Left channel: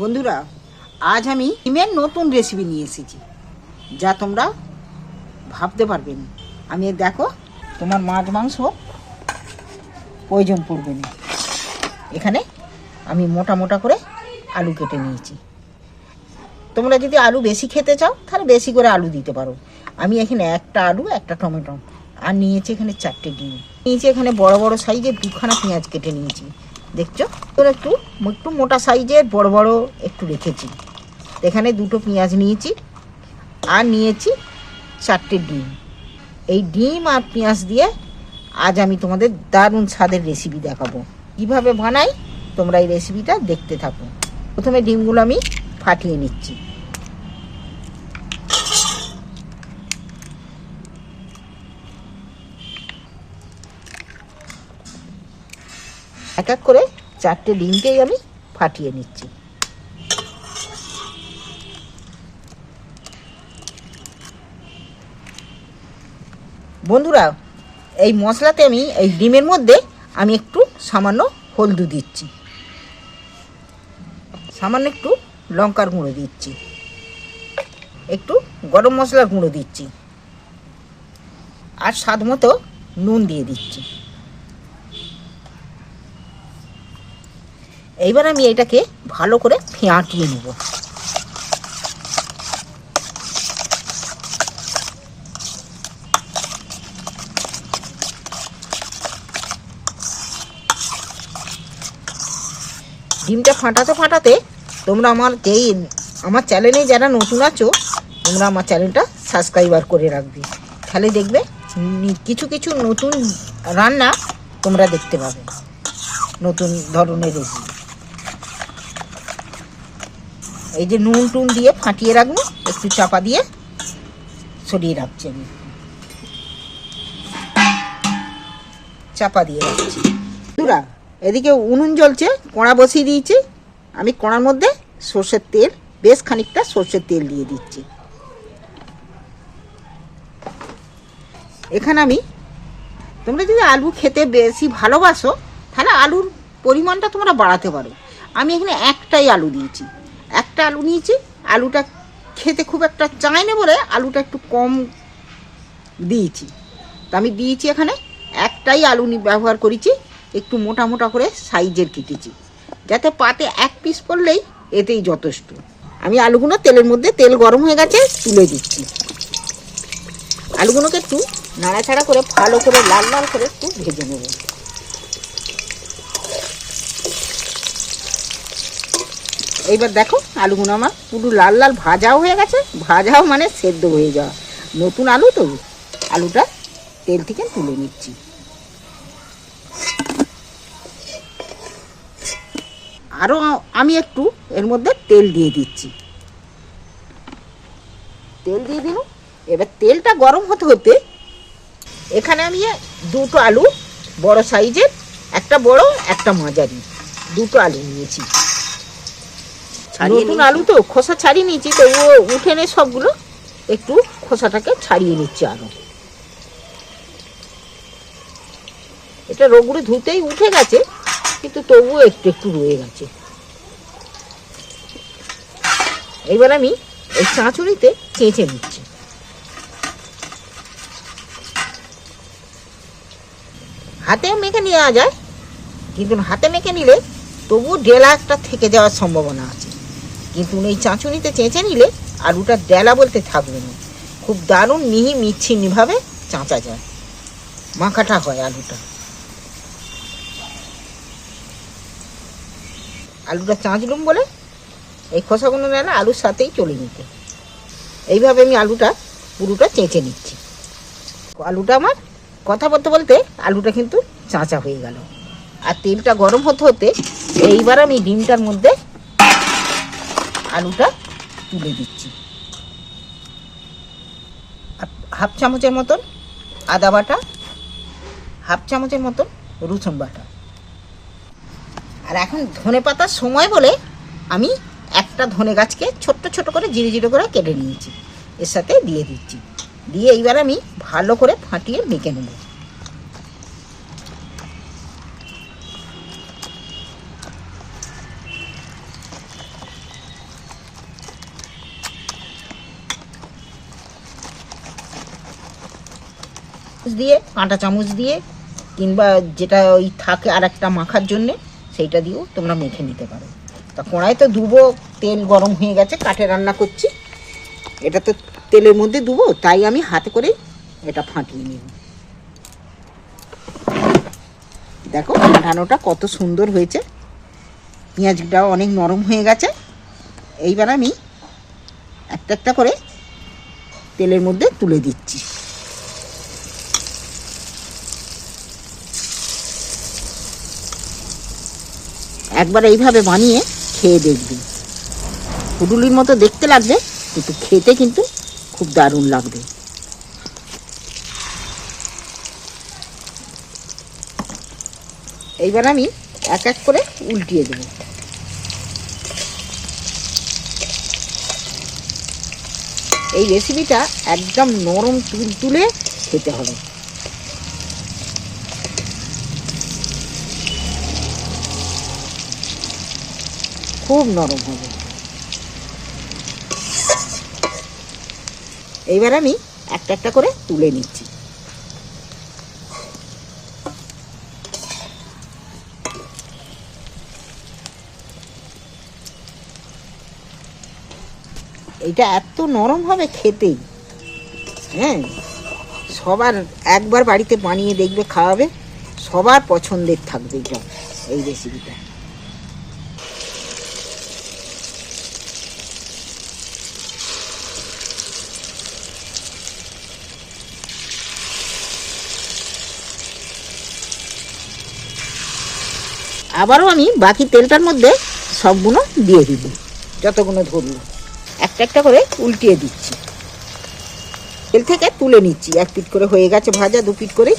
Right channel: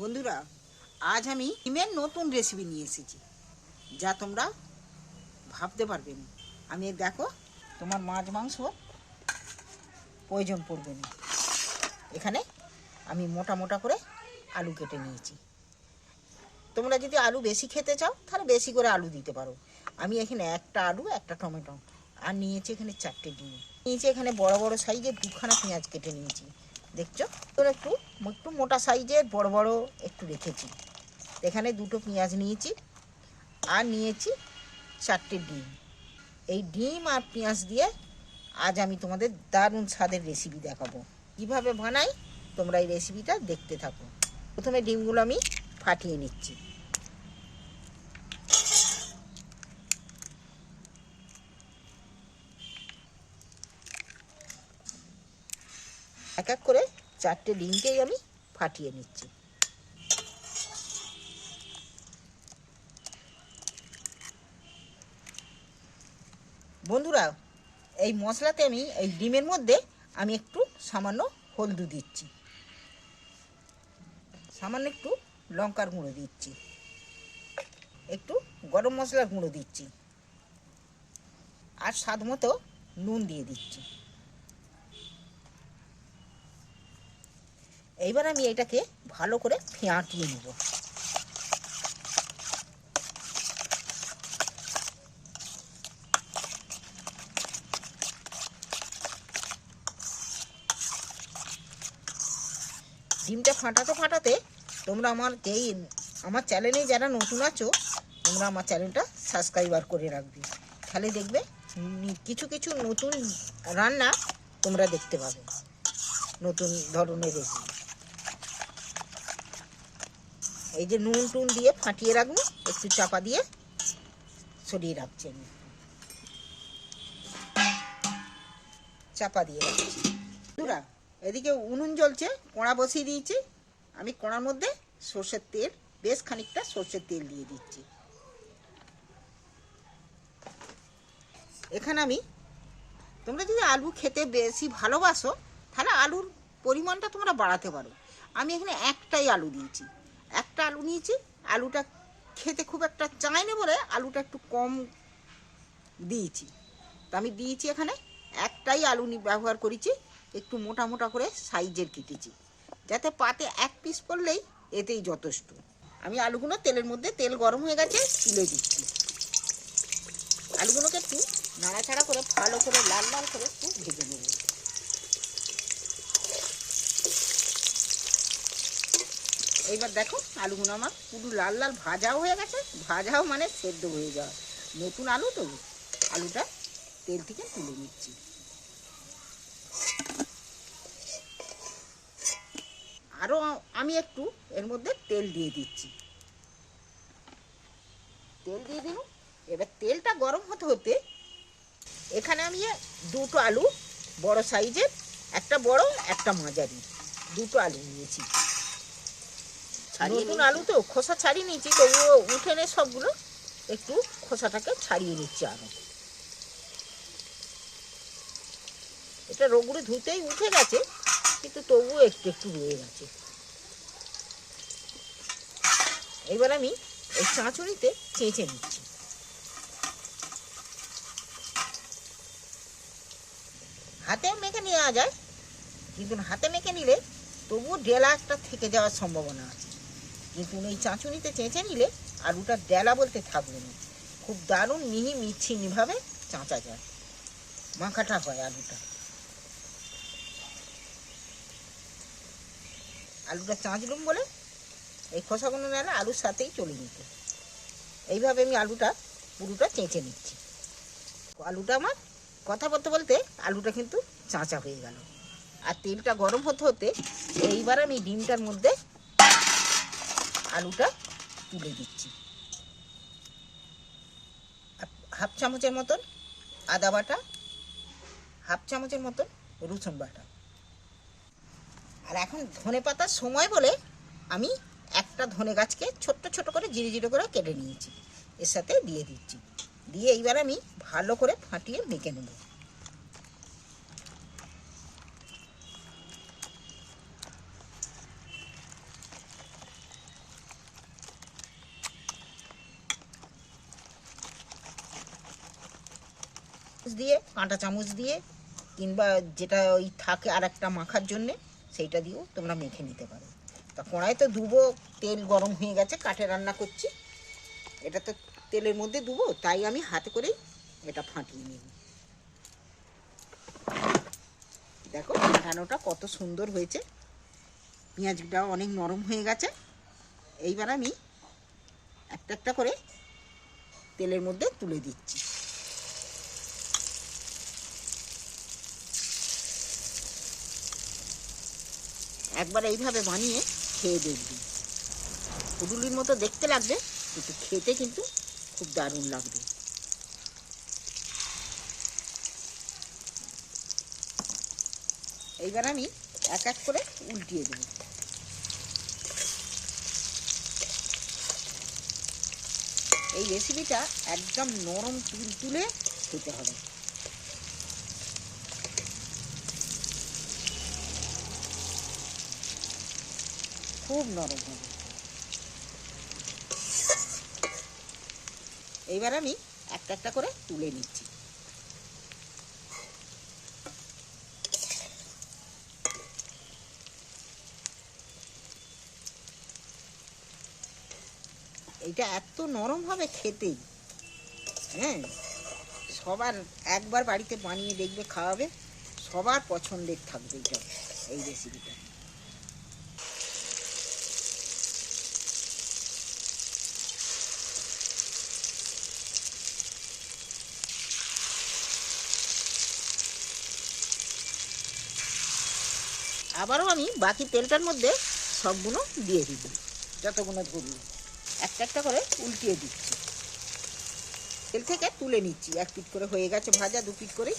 বন্ধুরা, আজ আমি ডিমের নতুন রেসিপি নিয়ে এসেছি, যা তোমরা ভাবতে পারবে না। আমি দেখো, তোমার মাছ মাংস প্রয়োজন পড়বে না। এখানে আমি মোটা মোটা করে আলু কেটে নিয়েছি। তোমরা যদি আলু বেশি খেতে চাও, তাহলে বেশি করে আলু দিতে পারো। আমি এখানে একটা আলু, একটা টমেটো, আর নিয়েছি এখানে চারটে ডিম। নিয়েছি এখানে বড় বড় সাইজে দুখানা পেঁয়াজ কেটে নিয়েছি। দেখছ? তোর একটু একটু মোটা সাইজের বড় বড় একটু রেখেছি। এখানে দুটো পেঁয়াজ নিয়েছি আর নিয়েছি চারটে ডিম। এই ডিম আর পেঁয়াজ দিয়ে আজ আমি তোমাদের দারুণ স্বাদের রেসিপি দেখাবো। কীভাবে বানাই? তোমরা এই রেসিপিটা দেখতে থাকো। প্রথমে ডিমগুলো আমি ফাটিয়ে নিচ্ছি। এক এক করে চারটে ডিমকেই আমি ফাটিয়ে নিচ্ছি। বন্ধুরা, এই মশলাতে আমি, এই ডিমের মধ্যে আমি একটু সামান্য হলদু দিচ্ছি। সামান্য একটু লঙ্কার গুঁড়ো দিচ্ছি। একটু গরম মশলার গুঁড়ো দিচ্ছি। আর স্বাদ মতো নুন দিয়ে দিচ্ছি। এইবার আমি এটাকে ভালো করে ফেঁটিয়ে নেব। ডিমটা ফাটাতে ফাটাতে তোমরা আমার যেই আমার চ্যানেলে যারা নতুন আছো, তোমরা আমার চ্যানেলটা সাবস্ক্রাইবার করে রাখবে। তাহলে দেখবে কিছু কিছু নতুন রান্না তোমরা দেখতে পাবে। নতুন ধরনের রেসিপি। এই যে নুন টুন দিয়ে ফাটিয়ে রাখব, একটু চাপা দিয়ে সরিয়ে রাখছি আমি। চাপা দিয়ে রাখছি। বন্ধুরা, এদিকে উনুন জ্বলছে, কড়া বসিয়ে দিয়েছি। আমি কড়ার মধ্যে সর্ষের তেল, বেশ খানিকটা সর্ষের তেল দিয়ে দিচ্ছি। এখানে আমি, তোমরা যদি আলু খেতে বেশি ভালোবাসো, তাহলে আলুর পরিমাণটা তোমরা বাড়াতে পারো। আমি এখানে একটাই আলু দিয়েছি। একটা আলু নিয়েছি, আলুটা খেতে খুব একটা চায় না বলে আলুটা একটু কম দিয়েছি। তা আমি দিয়েছি এখানে একটাই আলু ব্যবহার করেছি, একটু মোটা মোটা করে সাইজের কেটেছি। যাতে পাতে এক পিস পড়লেই এতেই যথেষ্ট। আমি আলুগুলো তেলের মধ্যে, তেল গরম হয়ে গেছে, তুলে দিচ্ছি। আলুগুলোকে একটু নাড়াচাড়া করে ভালো করে লাল লাল করে একটু ভেজে নেব। এইবার দেখো আলুগুলো আমার পুরো লাল লাল ভাজাও হয়ে গেছে, ভাজাও মানে সেদ্ধ হয়ে যাওয়া। নতুন আলু তো, আলুটা তেল থেকে তুলে নিচ্ছি। আরও আমি একটু এর মধ্যে তেল দিয়ে দিচ্ছি। তেল দিয়ে দিলাম এবার তেলটা গরম হতে হতে এখানে আমি দুটো আলু, বড় সাইজের, একটা বড়, একটা মাঝারি, দুটো আলু নিয়েছি। নতুন আলু তো খোসা ছাড়িয়ে নিয়েছি তো ও উঠে নে সবগুলো একটু খোসাটাকে ছাড়িয়ে নিচ্ছি আরও। এটা রোগুড়ে ধুতেই উঠে গেছে কিন্তু তবুও একটু একটু রয়ে গেছে। এবার আমি এই চাঁচুড়িতে চেঁচে নিচ্ছি। হাতে মেখে নেওয়া যায় কিন্তু হাতে মেখে নিলে তবুও ডেলা একটা থেকে যাওয়ার সম্ভাবনা আছে। কিন্তু এই চাঁচুনিতে চেঁচে নিলে আলুটা ডেলা বলতে থাকবে না। খুব দারুণ মিহি মিচ্ছিন্নিভাবে চাঁচা যায়। মাখাটা হয় আলুটা। আলুটা চাঁচলুম বলে এই খোসাগুলো নেন আলুর সাথেই চলে নিত। এইভাবে আমি আলুটা, পুরোটা চেঁচে নিচ্ছি। আলুটা আমার কথা বলতে বলতে আলুটা কিন্তু চাঁচা হয়ে গেল। আর তেলটা গরম হতে হতে এইবার আমি ডিমটার মধ্যে আলুটা তুলে দিচ্ছি। হাফ চামচের মতন আদা বাটা, হাফ চামচের মতন রসুন বাটা। আর এখন ধনে পাতার সময় বলে আমি একটা ধনে গাছকে ছোট্ট ছোট করে জিরে জিরে করে কেটে নিয়েছি। এর সাথে দিয়ে দিচ্ছি। দিয়ে এইবার আমি ভালো করে ফাটিয়ে মেখে নেব। দিয়ে কাঁটা চামচ দিয়ে, কিংবা যেটা ওই থাকে আর একটা মাখার জন্যে, সেইটা দিয়েও তোমরা মেখে নিতে পারো। তা কড়াই তো ধুবো, তেল গরম হয়ে গেছে, কাঠে রান্না করছি। এটা তো তেলের মধ্যে ধুবো, তাই আমি হাতে করে এটা ফাটিয়ে নিব। দেখো ফাটানোটা কত সুন্দর হয়েছে। পেঁয়াজটাও অনেক নরম হয়ে গেছে। এইবার আমি একটা একটা করে তেলের মধ্যে তুলে দিচ্ছি। একবার এইভাবে বানিয়ে খেয়ে দেখবি। হুডুলির মতো দেখতে লাগবে, কিন্তু খেতে কিন্তু খুব দারুণ লাগবে। এইবার আমি এক এক করে উল্টিয়ে দেবো। এই রেসিপিটা একদম নরম তুল তুলে খেতে হবে। খুব নরম হবে। এইবার আমি একটা একটা করে তুলে নিচ্ছি। এটা এত নরম হবে খেতেই হ্যাঁ সবার একবার বাড়িতে বানিয়ে দেখবে, খাওয়াবে, সবার পছন্দের থাকবে এটা এই রেসিপিটা আবারও আমি বাকি তেলটার মধ্যে সবগুলো দিয়ে দিব। যতগুলো ধরলো একটা একটা করে উল্টিয়ে দিচ্ছি। তেল থেকে তুলে নিচ্ছি। এক পিট করে হয়ে গেছে ভাজা দু পিট করে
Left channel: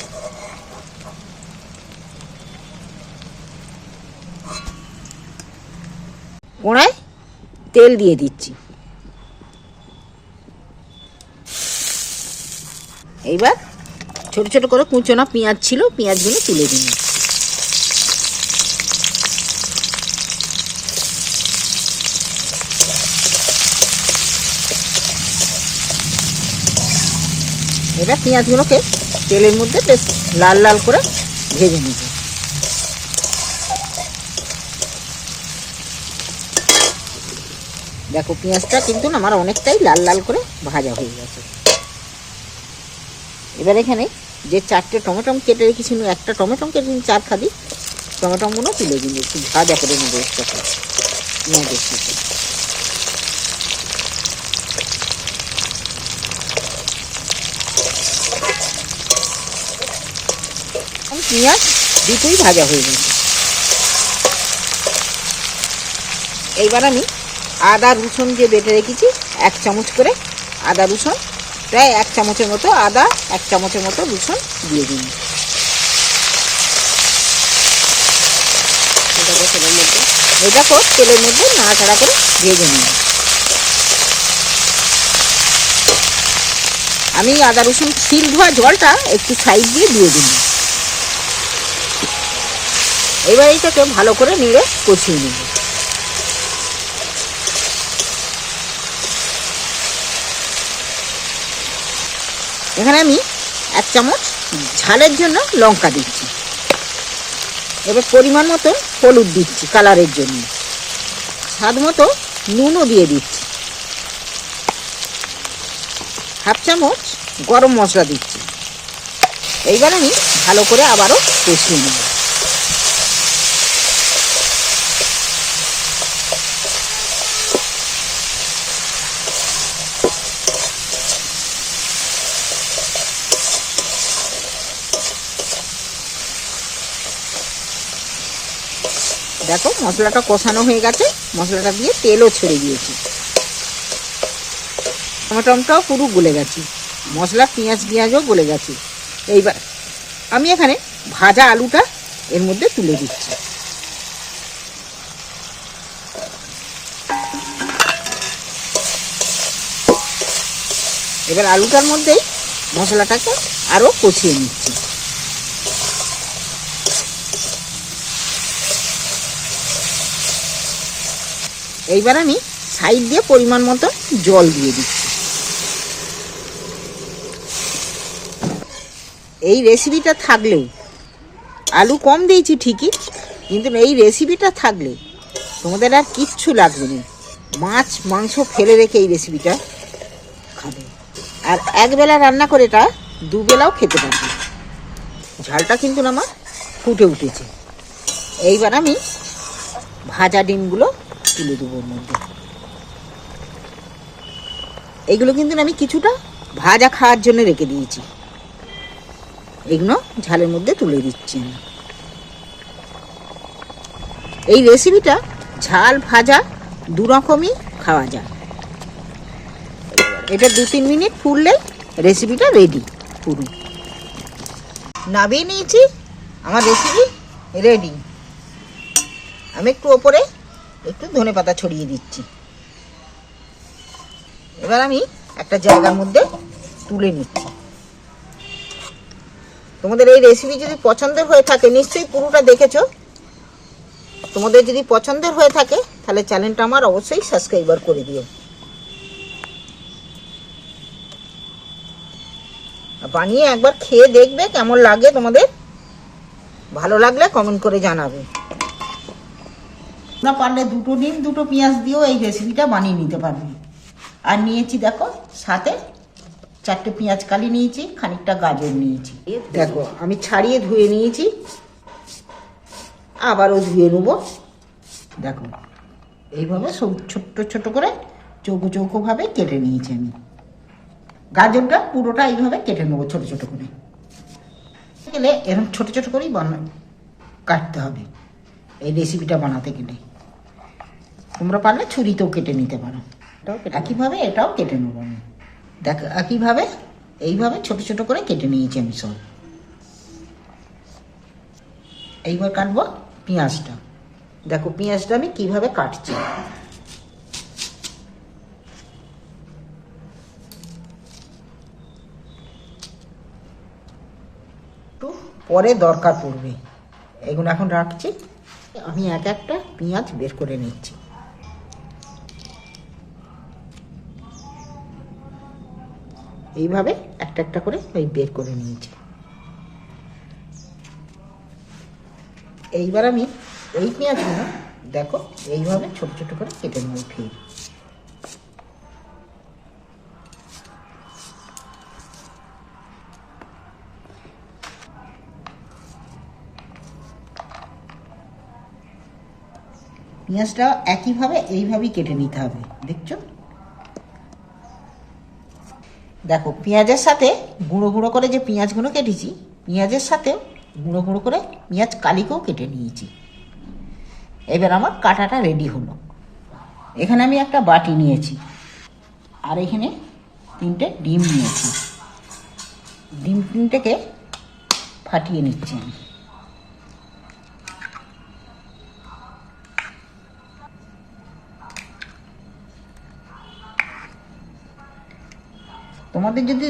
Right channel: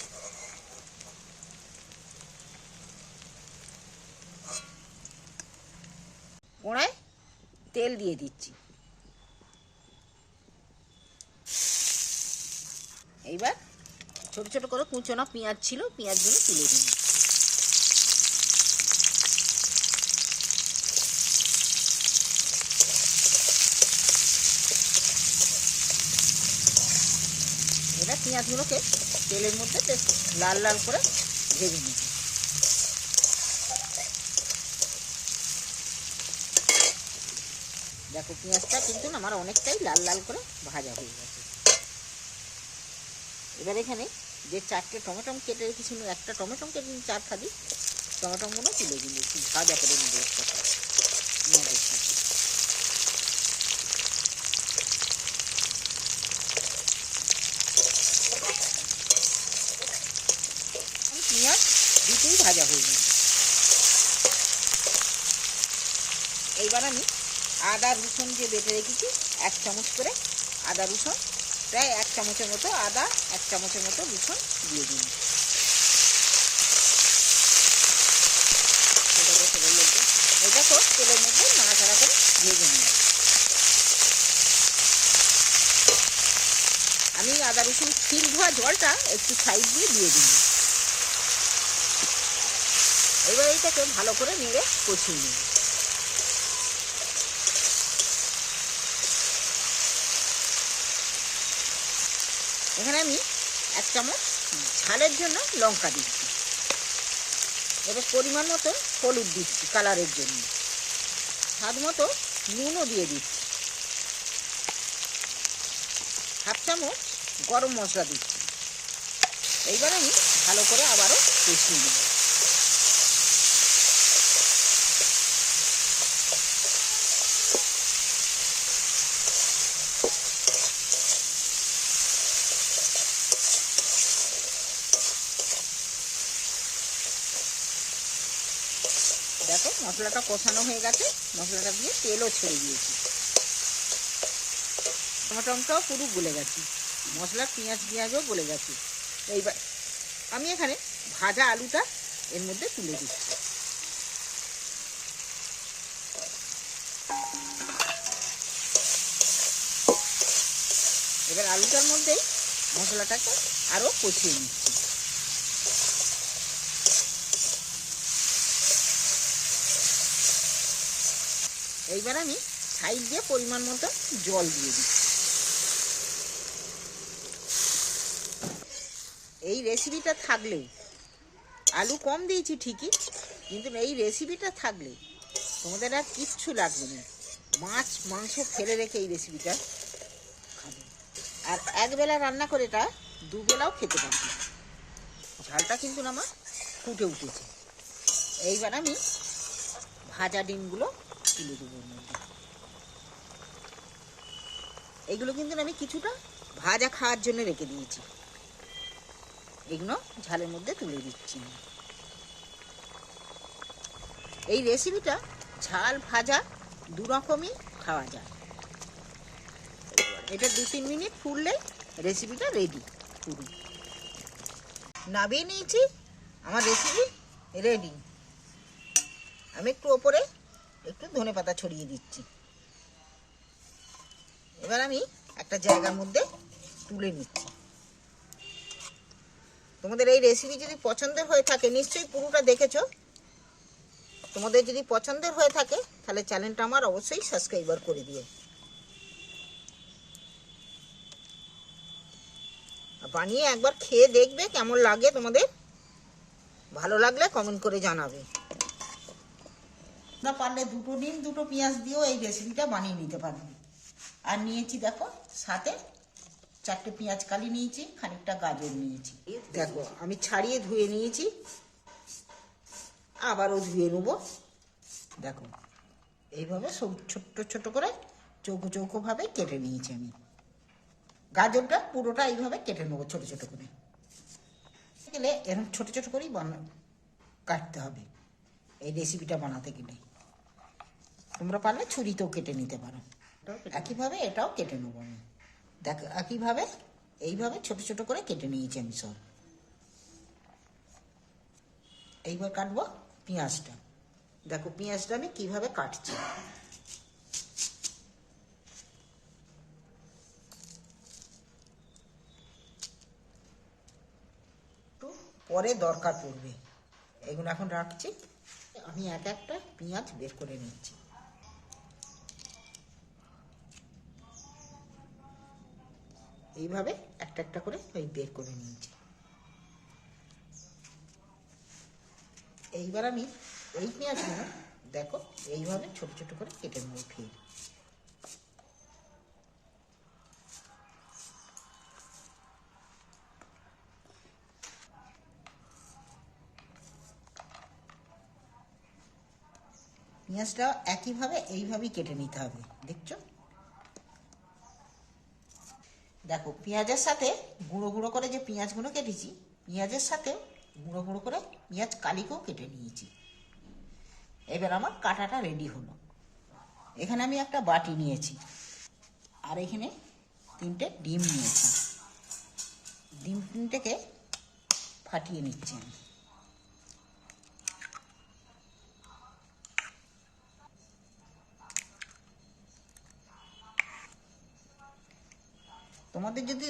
কোড়ায় তেল দিয়ে দিচ্ছি। এইবার ছোট ছোট করে কুচোনা পেঁয়াজ ছিল পেঁয়াজগুলো তুলে দিন এবার পেঁয়াজগুলোকে তেলের মধ্যে বেশ লাল লাল করে ভেজে নেব। দেখো পেঁয়াজটা কিন্তু আমার অনেকটাই লাল লাল করে ভাজা হয়ে গেছে। এবার এখানে যে চারটে টমেটম কেটে রেখেছিল একটা টমেটম কেটে চার খাদি, টমেটমগুলো তুলে দিন একটু ভাজা করে নেব পেঁয়াজের সাথে আর পেঁয়াজ দুটোই ভাজা হয়ে গেছে। এইবার আমি আদা, রসুন যে বেটে রেখেছি এক চামচ করে। আদা, রসুন, প্রায় এক চামচের মতো আদা, এক চামচের মতো রসুন দিয়ে দিন তেলের মধ্যে তেলের মধ্যে নাড়াচাড়া করে ভেজে নিন আমি আদা, রসুন, শিল ধোয়া জলটা একটু সাইড দিয়ে দিয়ে দিন এবার এইটাকে ভালো করে নেড়ে কষিয়ে নেব। এখানে আমি এক চামচ ঝালের জন্য লঙ্কা দিচ্ছি। এবার পরিমাণ মতো হলুদ দিচ্ছি কালারের জন্য। স্বাদ মতো নুনও দিয়ে দিচ্ছি। হাফ চামচ গরম মশলা দিচ্ছি। এইবার আমি ভালো করে আবারও কষিয়ে নেব। দেখো, মশলাটা কষানো হয়ে গেছে। মশলাটা দিয়ে তেলও ছেড়ে দিয়েছি। টমেটমটাও পুরো গলে গেছে। মশলা, পেঁয়াজ, পেঁয়াজও গলে গেছে। এইবার আমি এখানে ভাজা আলুটা এর মধ্যে তুলে দিচ্ছি। এবার আলুটার মধ্যেই মশলাটাকে আরও কষিয়ে নিচ্ছি। এইবার আমি সাইড দিয়ে পরিমাণ মতো জল দিয়ে দিচ্ছি। এই রেসিপিটা থাকলেও, আলু কম দিয়েছি ঠিকই, কিন্তু এই রেসিপিটা থাকলে তোমাদের আর কিচ্ছু লাগবে না। মাছ, মাংস ফেলে রেখে এই রেসিপিটা খাবে। আর একবেলা রান্না করে এটা দুবেলাও খেতে পারবে। ঝালটা কিন্তু আমার ফুটে উঠেছে। এইবার আমি ভাজা ডিমগুলো তুলে দেবো ওর মধ্যে। এইগুলো কিন্তু আমি কিছুটা ভাজা খাওয়ার জন্য রেখে দিয়েছি। এগুলো ঝালের মধ্যে তুলে দিচ্ছি আমি। এই রেসিপিটা ঝাল ভাজা দু রকমই খাওয়া যায়। এটা দু তিন মিনিট ফুললেই রেসিপিটা রেডি পুরো। নামিয়ে নিয়েছি, আমার রেসিপি রেডি আমি একটু ওপরে একটু ধনে পাতা ছড়িয়ে দিচ্ছি। এবার আমি একটা জায়গার মধ্যে তুলে নিচ্ছি। তোমাদের এই রেসিপি যদি পছন্দের হয়ে থাকে, নিশ্চয়ই পুরোটা দেখেছ। তোমাদের যদি পছন্দের হয়ে থাকে, তাহলে চ্যানেলটা আমার অবশ্যই সাবস্ক্রাইবার করে দিও। বানিয়ে একবার খেয়ে দেখবে কেমন লাগে তোমাদের। ভালো লাগলে কমেন্ট করে জানাবে। না পারলে দুটো ডিম দুটো পেঁয়াজ দিয়েও এই রেসিপিটা বানিয়ে নিতে পারবে। আর নিয়েছি দেখো, সাথে চারটে পেঁয়াজ কালি নিয়েছি, খানিকটা গাজর নিয়েছি। দেখো, আমি ছাড়িয়ে ধুয়ে নিয়েছি। আবারও ধুয়ে নেব। দেখো, এইভাবে সব ছোট্ট ছোট করে চৌকো চৌকোভাবে কেটে নিয়েছি আমি। গাজরটা পুরোটা এইভাবে কেটে নেব ছোট ছোট করে। গেলে এরকম ছোট ছোট করেই বানা, কাটতে হবে। এই রেসিপিটা বানাতে গেলে। তোমরা পারলে ছুরিতেও কেটে নিতে পারো। একইভাবে এটাও কেটে নেব আমি। দেখ একইভাবে এইভাবে ছোট ছোট করে কেটে নিয়েছি আমি সব। এইবার কাটবো পেঁয়াজটা। দেখো পেঁয়াজটা আমি কীভাবে কাটছি। একটু পরে দরকার পড়বে। এগুলো এখন রাখছি। আমি এক একটা পেঁয়াজ বের করে নিচ্ছি। এইভাবে একটা একটা করে ওই বের করে নিয়েছি। এইবার আমি এই পেঁয়াজগুলো, দেখো, এইভাবে ছোট ছোট করে কেটে নেব ফির পেঁয়াজটা একইভাবে এইভাবেই কেটে নিতে হবে, দেখছ? দেখো, পেঁয়াজের সাথে গুঁড়ো গুঁড়ো করে যে পেঁয়াজগুলো কেটেছি, পেঁয়াজের সাথে গুঁড়ো গুঁড়ো করে পেঁয়াজ কালিকেও কেটে নিয়েছি। এবার আমার কাটাটা রেডি হলো। এখানে আমি একটা বাটি নিয়েছি আর এখানে তিনটে ডিম নিয়েছি। ডিম তিনটেকে ফাটিয়ে নিচ্ছি আমি। তোমাদের যদি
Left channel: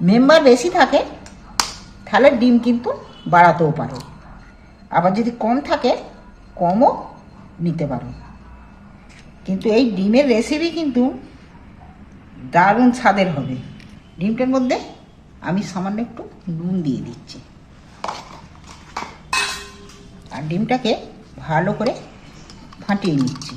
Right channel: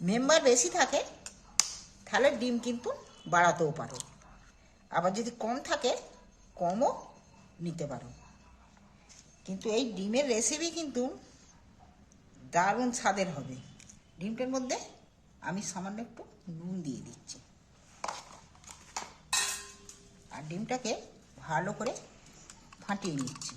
মেম্বার বেশি থাকে, তাহলে ডিম কিন্তু বাড়াতেও পারো। আবার যদি কম থাকে, কমও নিতে পারো। কিন্তু এই ডিমের রেসিপি কিন্তু দারুণ স্বাদের হবে। ডিমটার মধ্যে আমি সামান্য একটু নুন দিয়ে দিচ্ছি। আর ডিমটাকে ভালো করে ফাটিয়ে নিচ্ছি।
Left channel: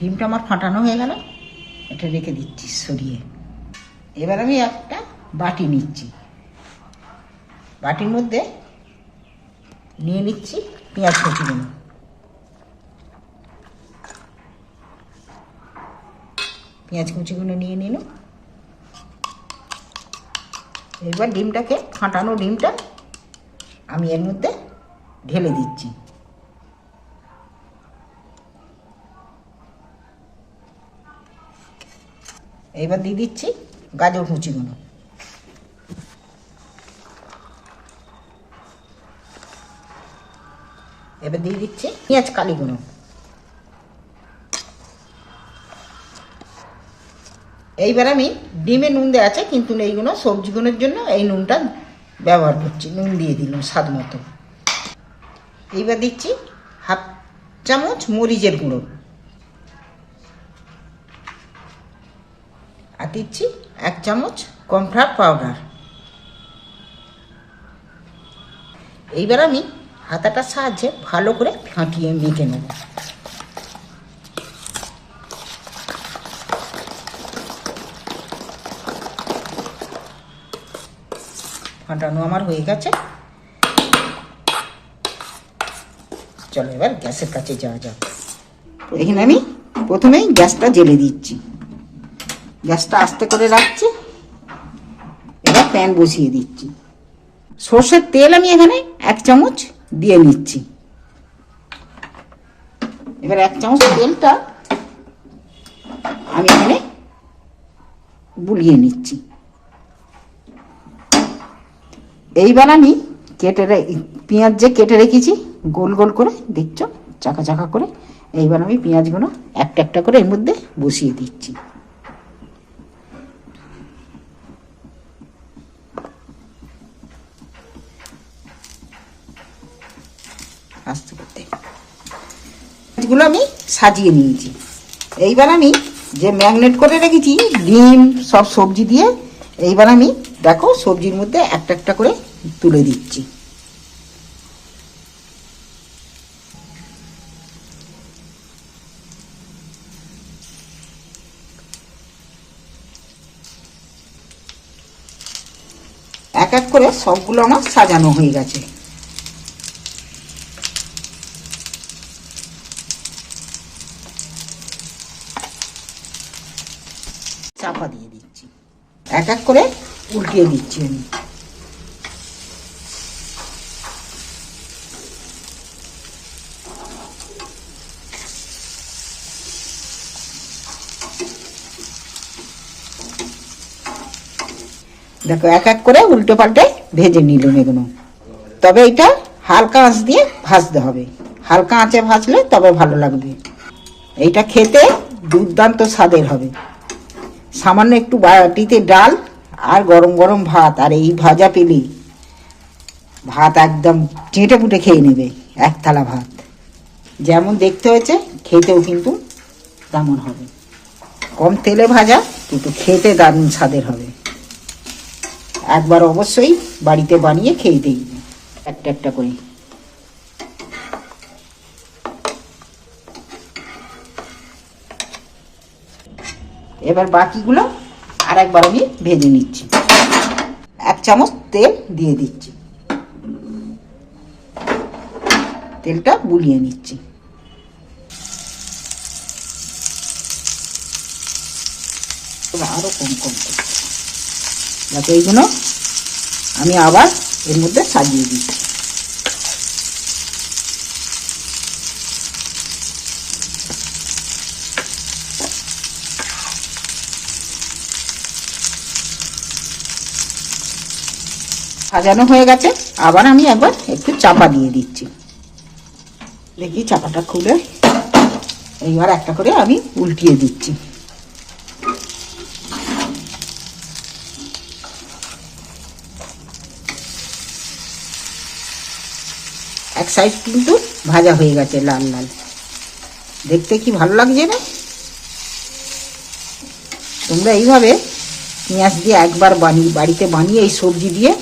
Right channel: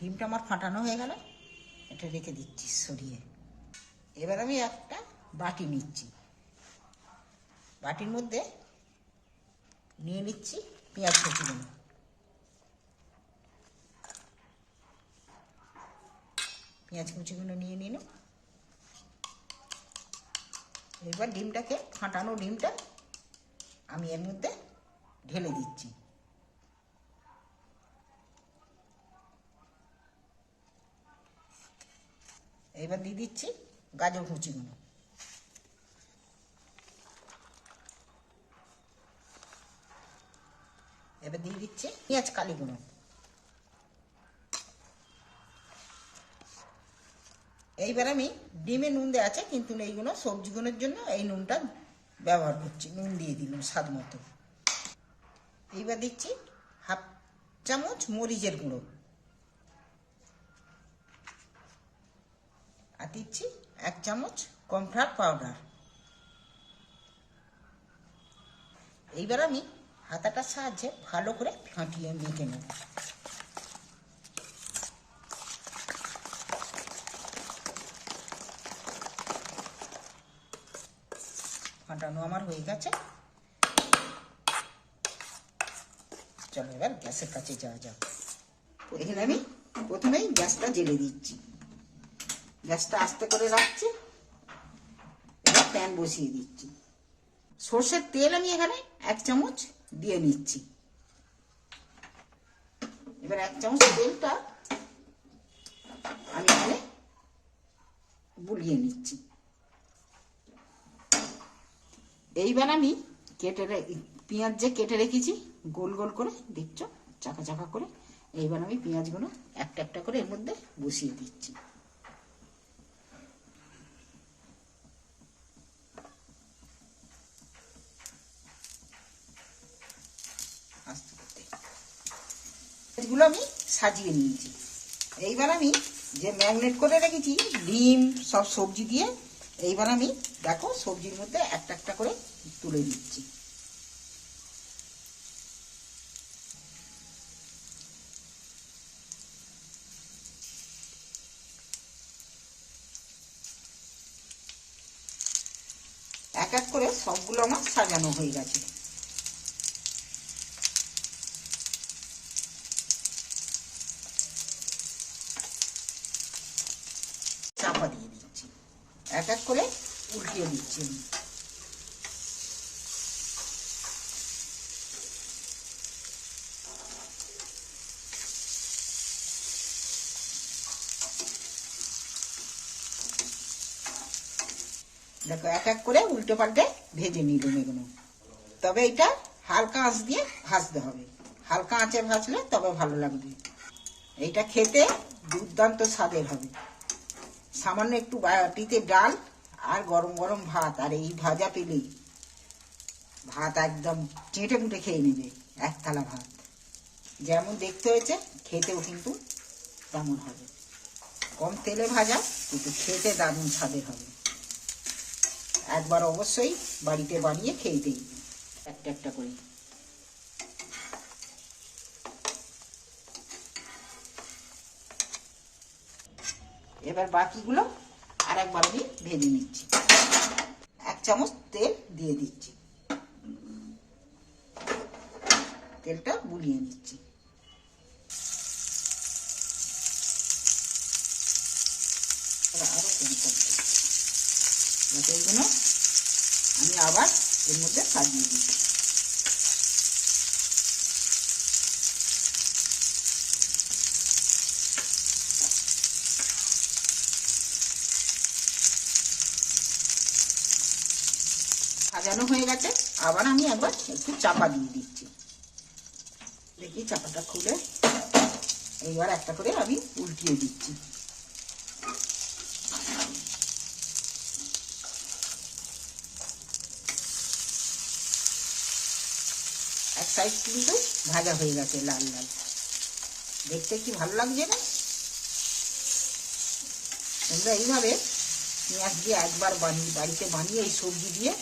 ডিমটা আমার ফাটানো হয়ে গেল। এটা রেখে দিচ্ছি সরিয়ে। এবার আমি একটা বাটি নিচ্ছি। বাটির মধ্যে নিয়ে নিচ্ছি পেঁয়াজ কুচিগুলো পেঁয়াজ কুচিগুলো নিয়ে নিল এবার ডিমটাকে ফাটানো ডিমটা আমি এর মধ্যে ঢেলে দিচ্ছি। এবার দিয়ে দিচ্ছি গাজর কুচিগুলো। এবার দিয়ে দিচ্ছি পেঁয়াজ কালিগুলো এইবার আমি ডিমে নুন দেওয়া আছে, কিন্তু এইগুলো সবজিগুলোর জন্য এই নুনটা ব্যবহার করছি, নুন দিয়ে দিলাম স্বাদ মতো। এইবার দিচ্ছি হাফ চামচ মরিচের গুঁড়ো আর দিচ্ছি, এক চামচ কমফ্লাওয়ার পাউডার। এইবার আমি হাতাটার সাহায্যে ভালো করে ফাটিয়ে মেখে নেব। ফাটানো আমার হয়ে গেছে। চলো এবার গ্যাসের কাছে যাওয়া যাক। এখানে আমি প্রথমেই গ্যাসটা জেলে দিচ্ছি। গ্যাসটা আস্তে করে রাখছি। এবার প্যান বসিয়ে দিচ্ছি। সর্ষের তেল আমি এখানে এক চামচ দিয়ে নিচ্ছি। এবার এক চামচ তেলটা আমি এখানে বুলিয়ে নিচ্ছি। এইবার আমি কেটে পেঁয়াজ যে কেটে রেখেছি, গোল গোল করে, দেখছ? চাকা চাকা করে। এইবার আমি পেঁয়াজগুলো একটা একটা করে এর মধ্যে বসিয়ে দিচ্ছি আস্তে করতে এগুলো আমি সাজিয়ে নিয়েছি। এইবার আমি যে ম্যাগনেট করে রেখেছি, ডিম, সব সবজি দিয়ে, এইবার আমি দেখো সবজির মধ্যে একটা একটা করে তুলে দিচ্ছি। এক এক করে সবগুলো আমার সাজানো হয়ে গেছে চাপা দিয়ে দিচ্ছি এক করে উল্টিয়ে দিচ্ছি আমি। দেখো, এক এক করে উল্টো পাল্টে ভেজে নিলাম এগুলো তবে এটা হালকা আঁচ দিয়ে ভাজতে হবে। হালকা আঁচে ভাজলে তবে ভালো লাগবে। এইটা খেতে দুর্দান্ত স্বাদের হবে। সামান্য একটু বাটিতে ডাল আর গরম গরম ভাত, আর এই ভাজা পেলে ভাত একদম চেটে পুটে খেয়ে নেবে, এক থালা ভাত। যেমন দেখতে হয়েছে, খেতেও কিন্তু তেমন হবে। কম তেলে ভাজা, কিন্তু খেতে দারুণ স্বাদের হবে। একবার অবশ্যই বাড়িতে বানিয়ে খেয়ে দেখবে। একটা একটা করে। এবার বাকিগুলো আর একবার আমি ভেজে নিচ্ছি। এক চামচ তেল দিয়ে দিচ্ছি। তেলটা বুলিয়ে নিচ্ছি। আরও কম কম যাতে এইগুলো আমি আবার এর মধ্যে সাজিয়ে দিচ্ছি। সাজানো হয়ে গেছে। আবার আমি একবার একটু চাপা দিয়ে দিচ্ছি। দেখি চাপাটা খুলে এইবার একটা করে আমি উল্টিয়ে দিচ্ছি। এক সাইড কিন্তু ভাজা হয়ে গেছে লাল লাল। দেখতে কি ভালো লাগছে না? তোমরা এইভাবে পেঁয়াজ দিয়ে একবার বানিয়ে, বাড়িতে বানিয়ে এই সবজি দিয়ে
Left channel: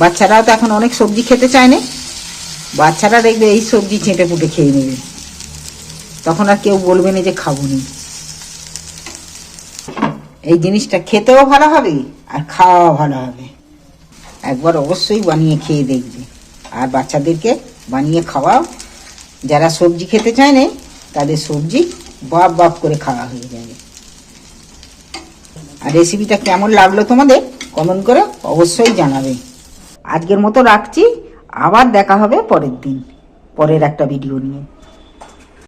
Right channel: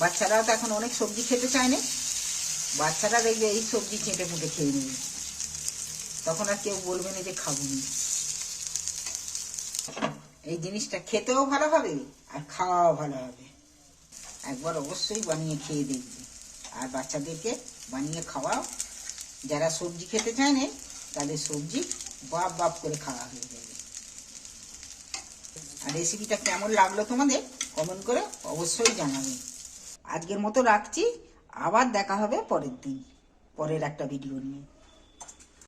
বাচ্চারাও তো এখন অনেক সবজি খেতে চায় না। বাচ্চারা দেখবে এই সবজি চেটে পুটে খেয়ে নেবে। তখন আর কেউ বলবে না যে খাব নি। এই জিনিসটা খেতেও ভালো হবে আর খাওয়াও ভালো হবে। একবার অবশ্যই বানিয়ে খেয়ে দেখবে। আর বাচ্চাদেরকে বানিয়ে খাওয়াও। যারা সবজি খেতে চায় না, তাদের সবজি বাপ বাপ করে খাওয়া হয়ে যাবে। আর রেসিপিটা কেমন লাগল তোমাদের? কমেন্ট করে অবশ্যই জানাবে। আজকের মতো রাখছি। আবার দেখা হবে পরের দিন পরের একটা ভিডিও নিয়ে।